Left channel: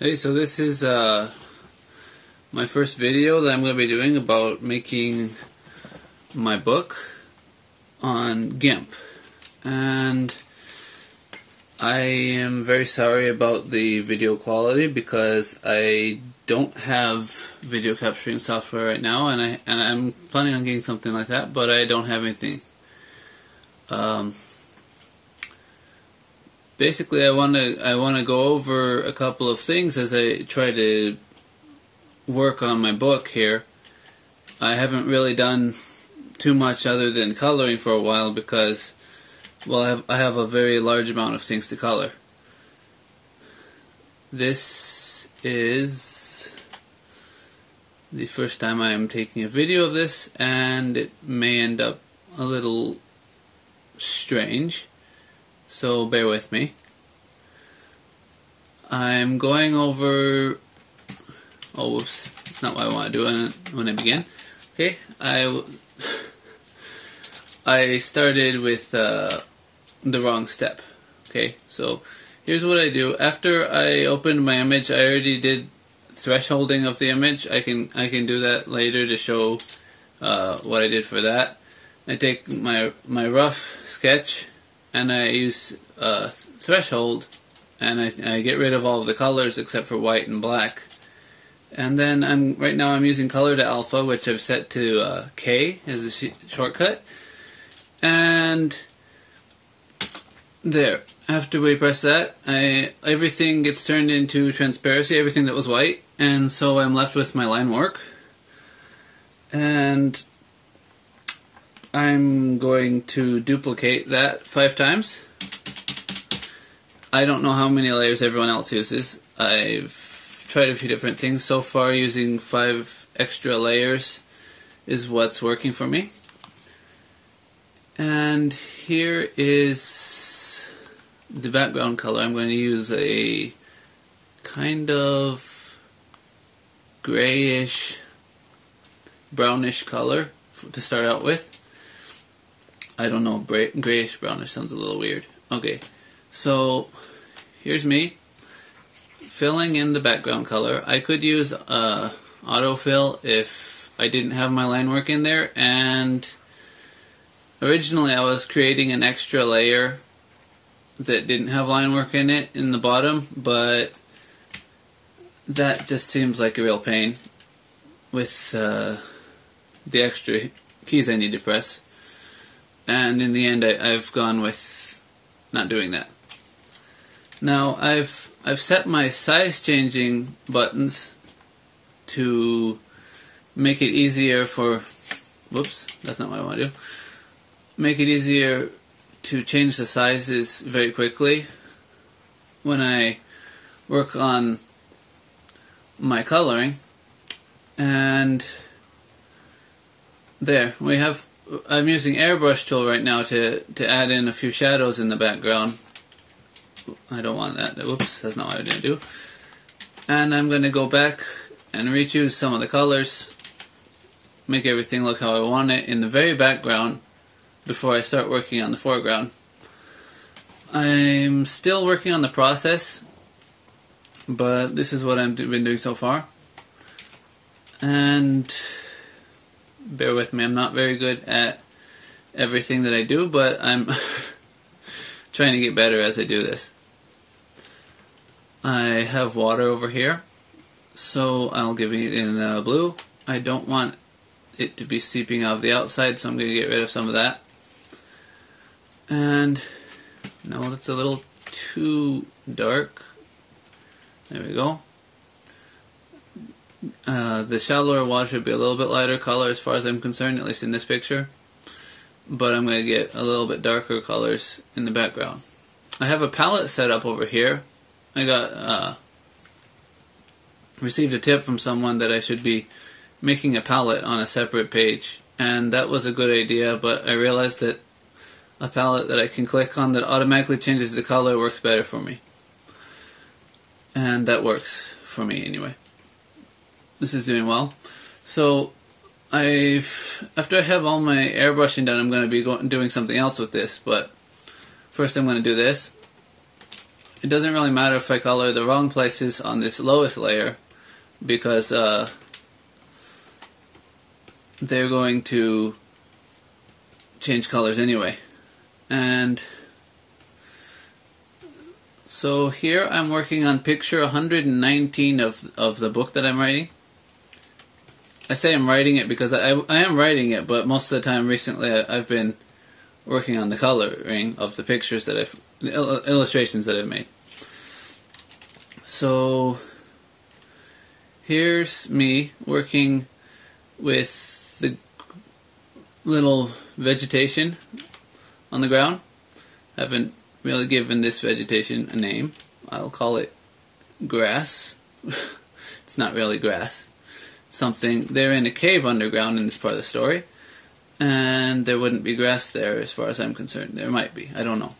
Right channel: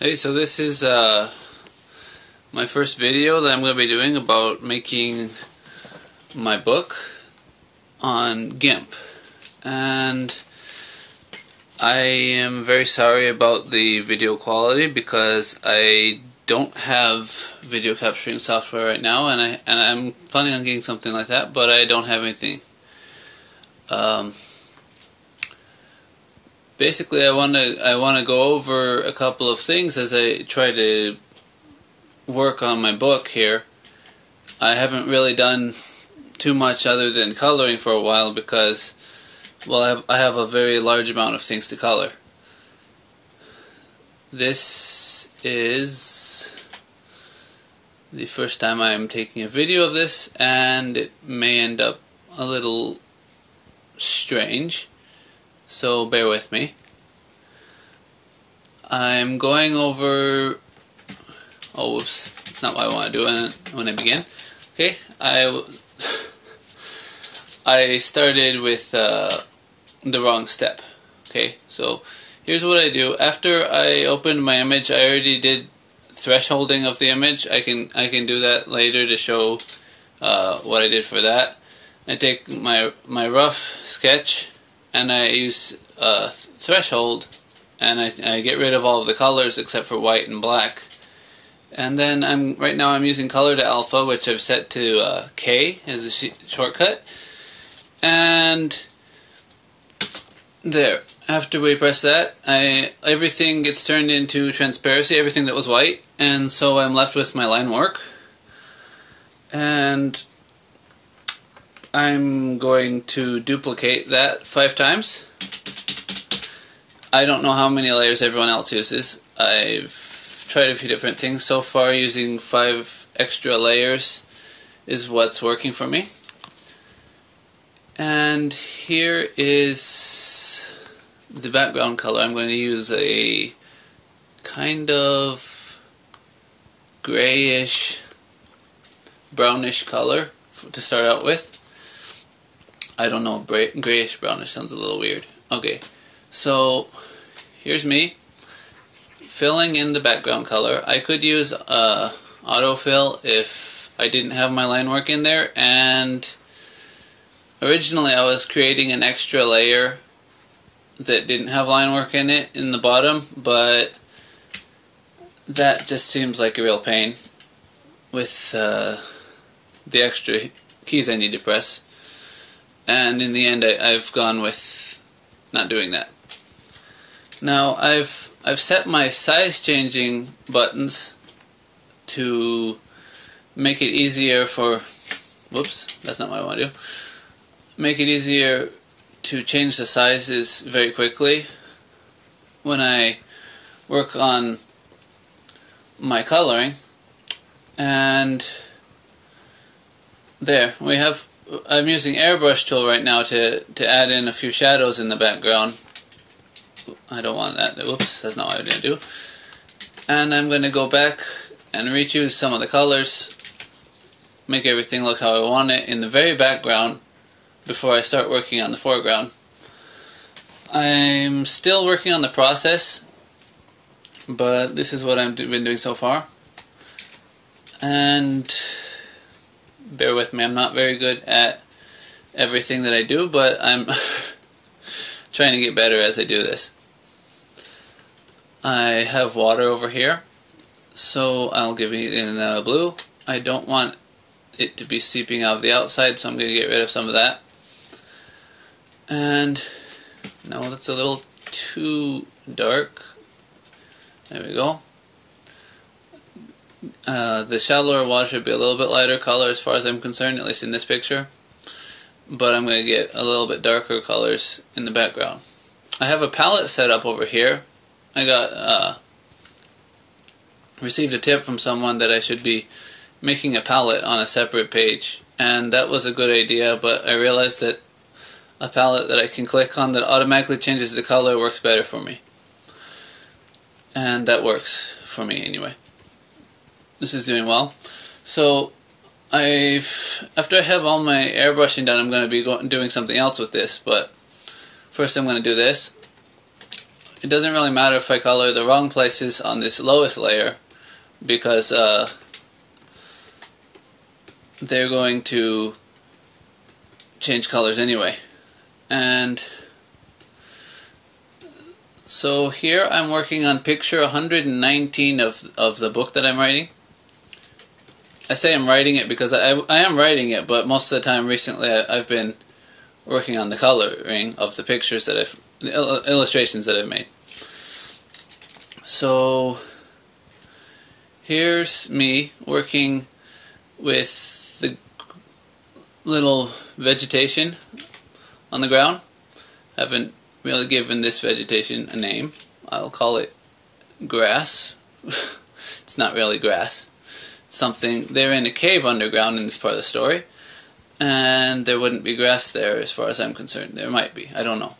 Hey, so this is my first video that I'm going to be doing about making my book on Gimp. And I am very sorry about the video quality because I don't have video capturing software right now, and I'm planning on getting something like that, but I don't have anything. Basically, I want to go over a couple of things as I try to work on my book here. I haven't really done too much other than coloring for a while because, well, I have a very large amount of things to color. This is the first time I am taking a video of this, and it may end up a little strange. So bear with me. I'm going over... Oh, whoops. That's not what I want to do when I begin. Okay, I started with the wrong step. Okay, so here's what I do. After I opened my image, I already did thresholding of the image. I can do that later to show what I did for that. I take my rough sketch, and I use threshold, and I get rid of all of the colors except for white and black. And then right now I'm using color to alpha, which I've set to K as a shortcut. And there. After we press that, everything gets turned into transparency, everything that was white, and so I'm left with my line work. And I'm going to duplicate that 5 times. I don't know how many layers everyone else uses. I've tried a few different things. So far, using 5 extra layers is what's working for me. And here is the background color. I'm going to use a kind of grayish, brownish color to start out with. I don't know, grayish brownish sounds a little weird. Okay, so here's me filling in the background color. I could use autofill if I didn't have my line work in there, and originally I was creating an extra layer that didn't have line work in it in the bottom, but that just seems like a real pain with the extra keys I need to press. And in the end, I've gone with not doing that. Now I've set my size changing buttons to make it easier for. Whoops, that's not what I want to do. Make it easier to change the sizes very quickly when I work on my coloring. And there we have. I'm using airbrush tool right now to add in a few shadows in the background. I don't want that. Whoops, that's not what I'm going to do. And I'm going to go back and rechoose some of the colors, make everything look how I want it in the very background before I start working on the foreground. I'm still working on the process, but this is what I've been doing so far. And bear with me, I'm not very good at everything that I do, but I'm trying to get better as I do this. I have water over here, so I'll give it in blue. I don't want it to be seeping out of the outside, so I'm going to get rid of some of that. And no, that's a little too dark. There we go. The shallower water should be a little bit lighter color as far as I'm concerned, at least in this picture. But I'm going to get a little bit darker colors in the background. I have a palette set up over here. I got received a tip from someone that I should be making a palette on a separate page. And that was a good idea, but I realized that a palette that I can click on that automatically changes the color works better for me. And that works for me anyway. This is doing well. So after I have all my airbrushing done, I'm going to be doing something else with this, but first I'm going to do this. it doesn't really matter if I color the wrong places on this lowest layer, because they're going to change colors anyway. And so here I'm working on picture 119 of the book that I'm writing. I say I'm writing it because I am writing it, but most of the time recently I've been working on the coloring of the pictures that illustrations that I've made. So here's me working with the little vegetation on the ground. I haven't really given this vegetation a name. I'll call it grass. It's not really grass. Something, they're in a cave underground in this part of the story, and there wouldn't be grass there as far as I'm concerned. There might be, I don't know.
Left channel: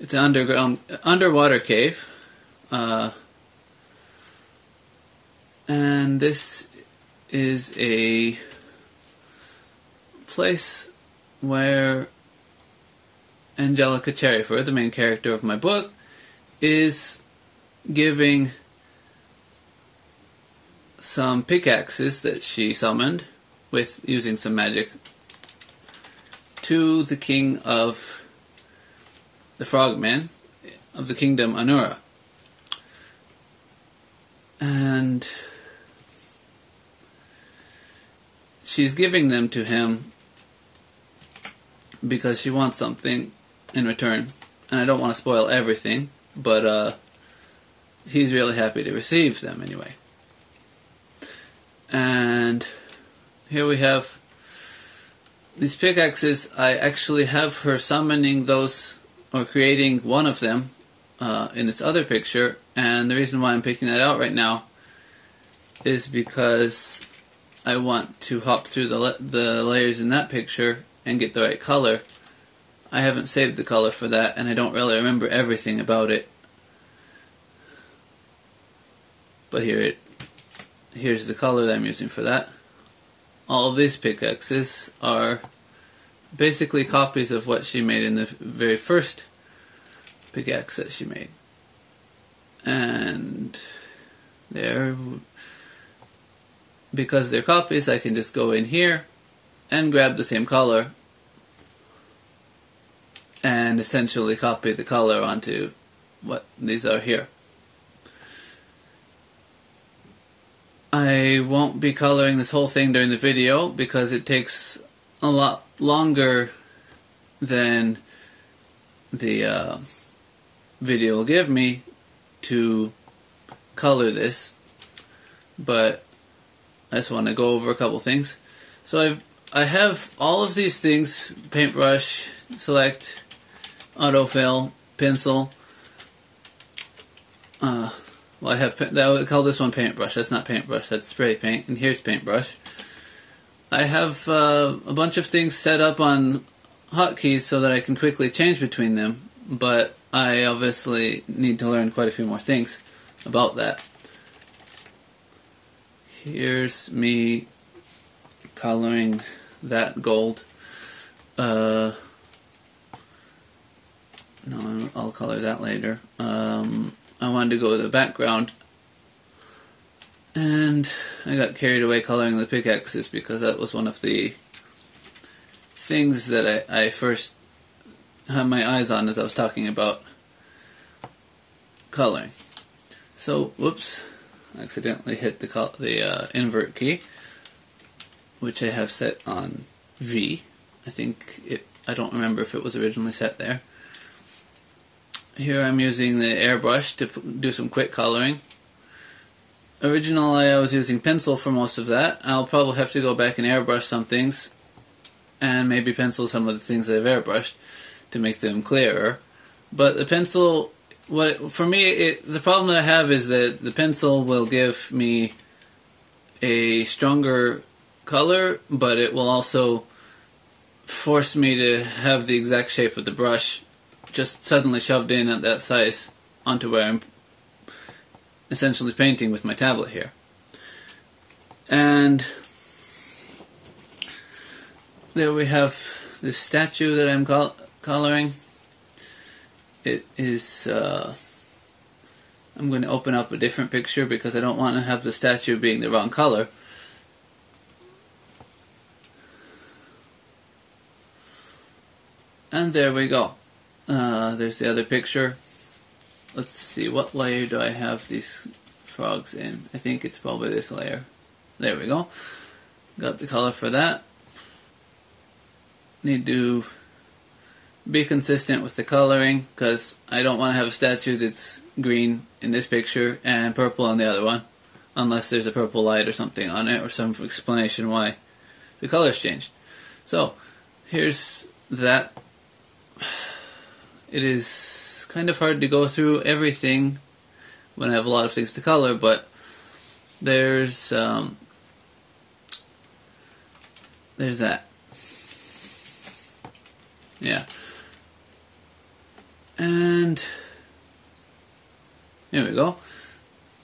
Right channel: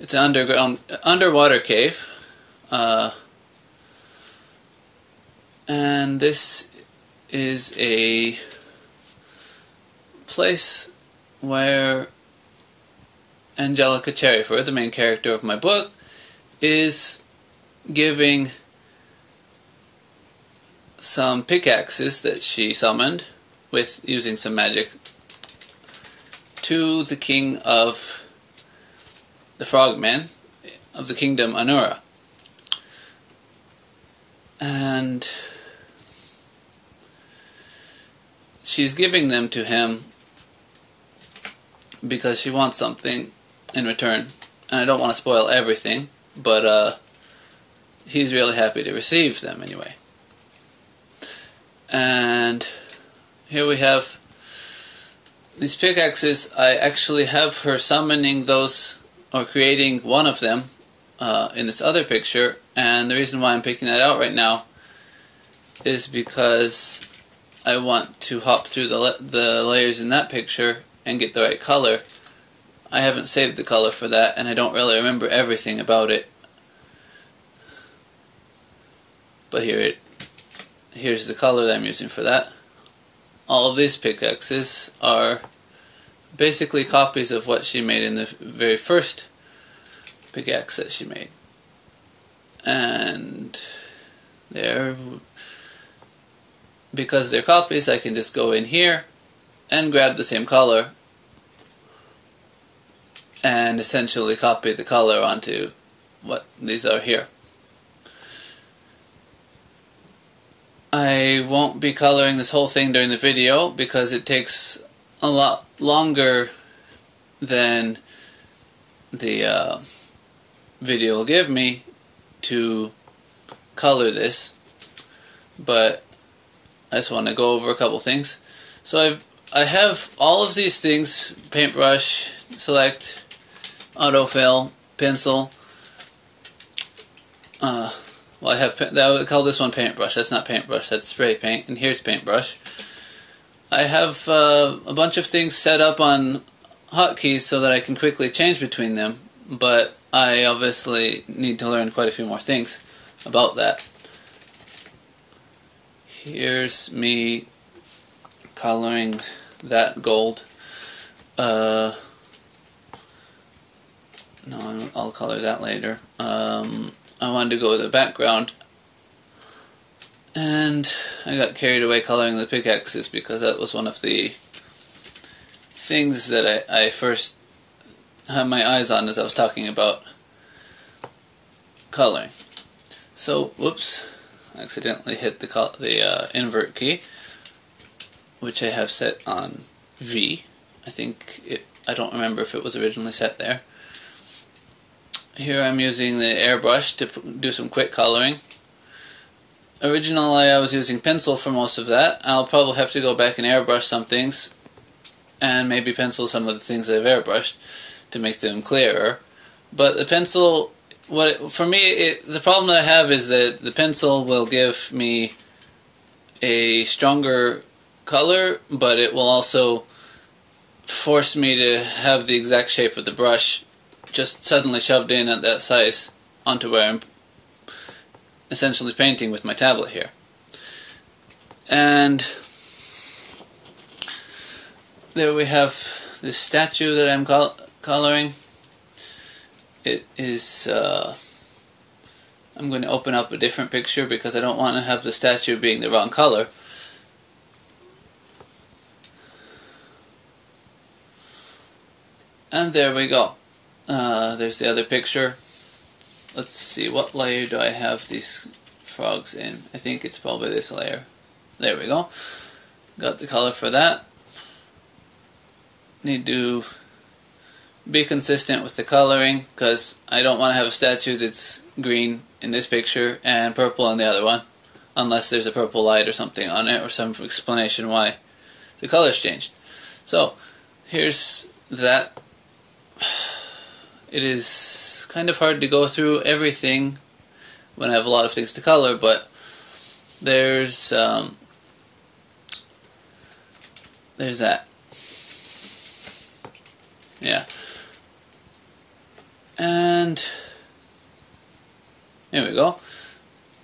It's an underwater cave, and this is a place where Angelica Cherryfur, the main character of my book, is giving some pickaxes that she summoned with using some magic to the king of the frogmen of the kingdom Anura. And she's giving them to him because she wants something in return. And I don't want to spoil everything, but he's really happy to receive them anyway. And here we have these pickaxes. I actually have her summoning those, or creating one of them, in this other picture. And the reason why I'm picking that out right now is because I want to hop through the layers in that picture and get the right color. I haven't saved the color for that, and I don't really remember everything about it. But here's the color that I'm using for that. All of these pickaxes are basically copies of what she made in the very first pickaxe that she made. And because they're copies, I can just go in here and grab the same color and essentially copy the color onto what these are here. I won't be coloring this whole thing during the video because it takes a lot longer than the video will give me to color this, but I just want to go over a couple things. So I have all of these things: paintbrush, select, autofill, pencil. Well, I would call this one paintbrush. That's not paintbrush, that's spray paint. And here's paintbrush. I have a bunch of things set up on hotkeys so that I can quickly change between them, but I obviously need to learn quite a few more things about that. Here's me coloring that gold. No, I'll color that later. I wanted to go to the background, and I got carried away coloring the pickaxes because that was one of the things that I first had my eyes on as I was talking about coloring. So, whoops, I accidentally hit the invert key, which I have set on V. I don't remember if it was originally set there. Here I'm using the airbrush to do some quick coloring. Originally I was using pencil for most of that. I'll probably have to go back and airbrush some things, and maybe pencil some of the things that I've airbrushed to make them clearer. But the pencil, for me, the problem that I have is that the pencil will give me a stronger color, but it will also force me to have the exact shape of the brush just suddenly shoved in at that size onto where I'm essentially painting with my tablet here. And there we have this statue that I'm coloring. It is I'm going to open up a different picture because I don't want to have the statue being the wrong color. And there we go. There's the other picture. Let's see, what layer do I have these frogs in? I think it's probably this layer. There we go. Got the color for that. Need to be consistent with the coloring because I don't want to have a statue that's green in this picture and purple on the other one, unless there's a purple light or something on it or some explanation why the color's changed. So here's that. It is kind of hard to go through everything when I have a lot of things to color, but there's that. Yeah. And here we go.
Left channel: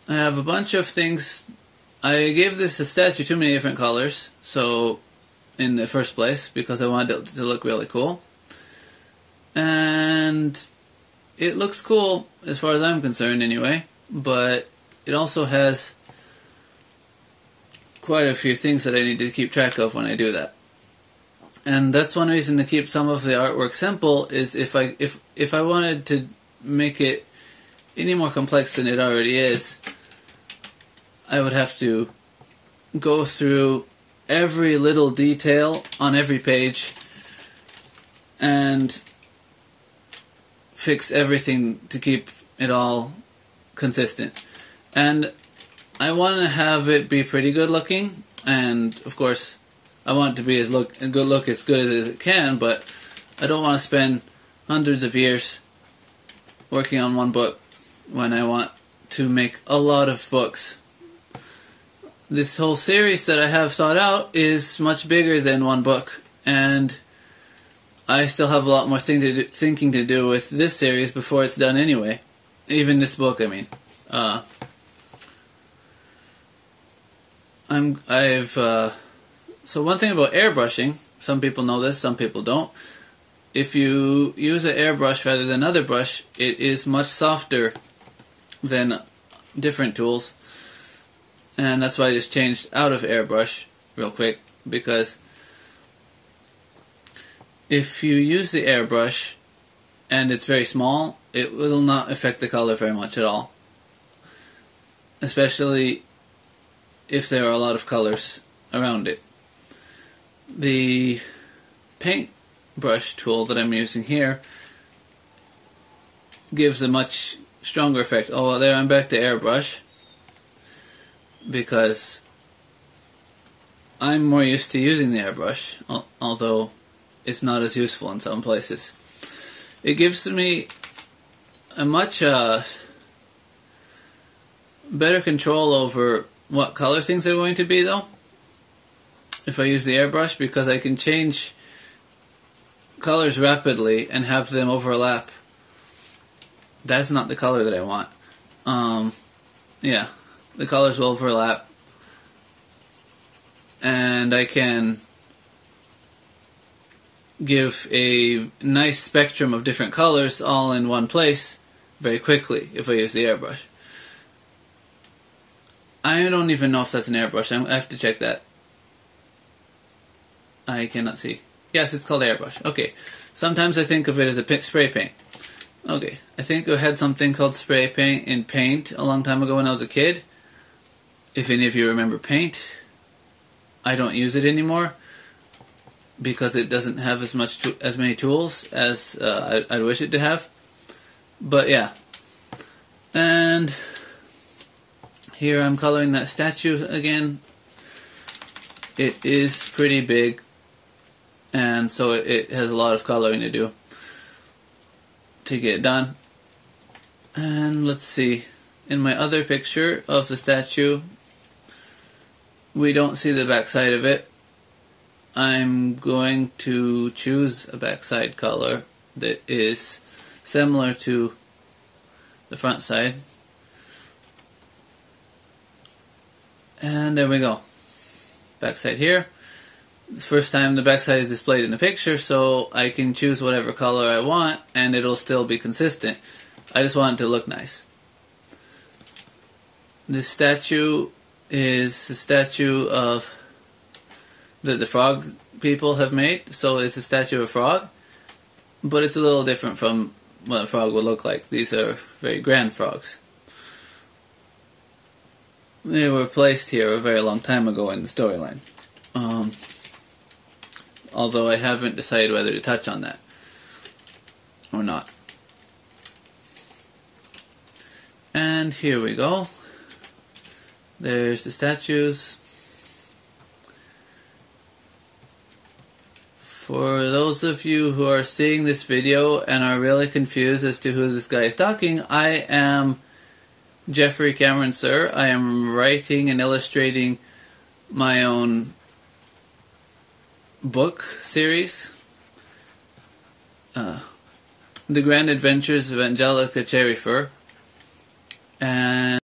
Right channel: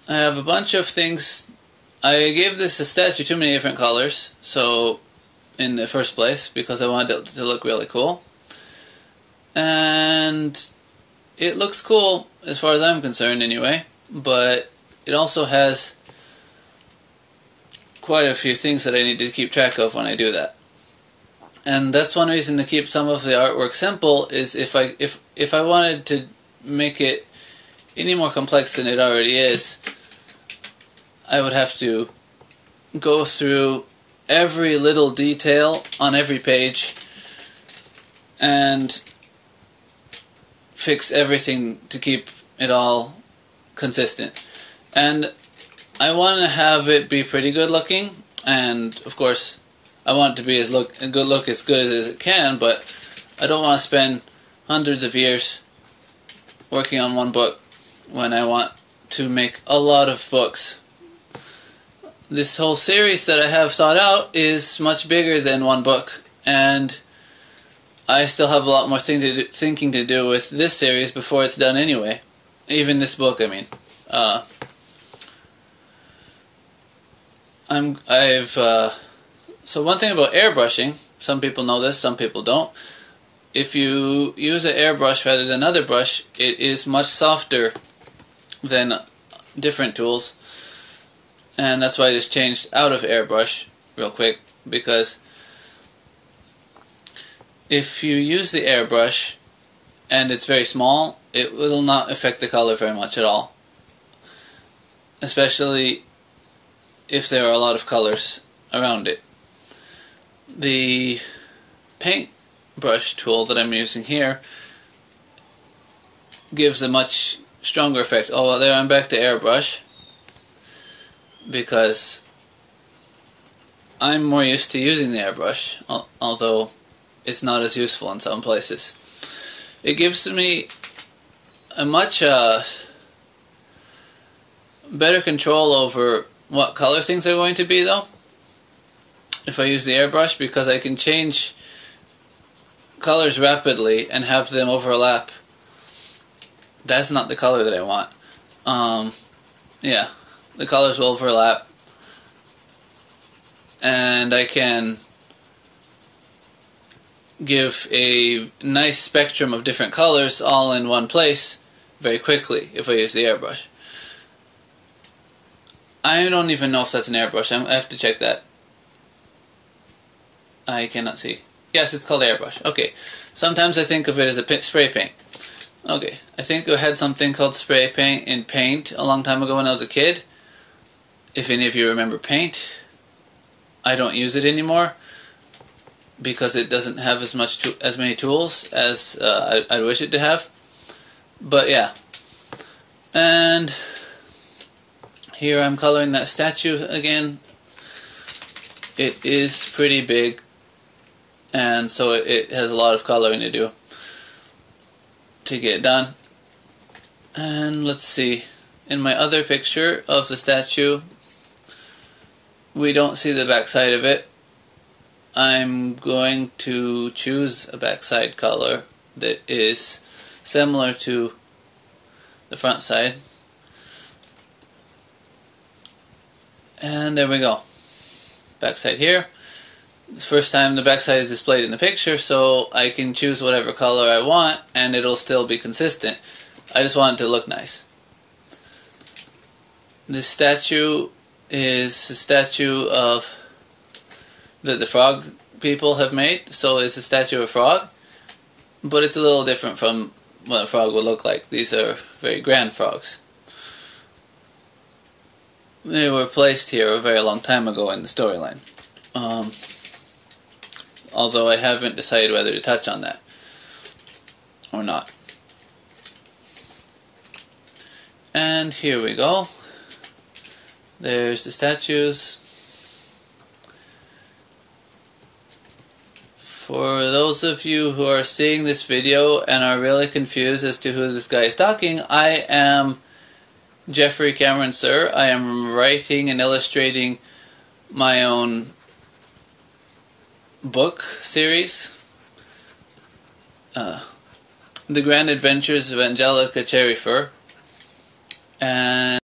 I have a bunch of things. I gave this a statue too many different colors, so in the first place, because I wanted it to look really cool. And it looks cool as far as I'm concerned anyway, but it also has quite a few things that I need to keep track of when I do that. And that's one reason to keep some of the artwork simple, is if I wanted to make it any more complex than it already is, I would have to go through every little detail on every page and fix everything to keep it all consistent. And I want to have it be pretty good looking, and of course I want it to be as good as it can, but I don't want to spend hundreds of years working on one book when I want to make a lot of books. This whole series that I have thought out is much bigger than one book, and I still have a lot more thinking to do with this series before it's done anyway. Even this book, I mean. So one thing about airbrushing, some people know this, some people don't. If you use an airbrush rather than another brush, it is much softer than different tools. And that's why I just changed out of airbrush real quick, because if you use the airbrush and it's very small, it will not affect the color very much at all. Especially if there are a lot of colors around it. The paintbrush tool that I'm using here gives a much stronger effect. Oh, well, there I'm back to airbrush, because I'm more used to using the airbrush, although it's not as useful in some places. It gives me a much better control over what color things are going to be, though, if I use the airbrush, because I can change colors rapidly and have them overlap. That's not the color that I want. Yeah, the colors will overlap, and I can give a nice spectrum of different colors all in one place very quickly if I use the airbrush. I don't even know if that's an airbrush. I have to check that. I cannot see. Yes, it's called airbrush. Okay. Sometimes I think of it as a spray paint. Okay. I think I had something called spray paint in Paint a long time ago when I was a kid. If any of you remember Paint, I don't use it anymore because it doesn't have as many tools as I'd wish it to have. But yeah. And here I'm coloring that statue again. It is pretty big, and so it has a lot of coloring to do to get it done. And let's see, in my other picture of the statue, we don't see the backside of it. I'm going to choose a backside color that is similar to the front side. And there we go. Backside here. It's the first time the backside is displayed in the picture, so I can choose whatever color I want and it'll still be consistent. I just want it to look nice. The statue is a statue of that the frog people have made, so it's a statue of a frog, but it's a little different from what a frog would look like. These are very grand frogs. They were placed here a very long time ago in the storyline. Although I haven't decided whether to touch on that or not. And here we go. There's the statues. For those of you who are seeing this video and are really confused as to who this guy is talking, I am Jeffrey Cameron Sir. I am writing and illustrating my own book series, The Grand Adventures of Angelica Cherryfur, and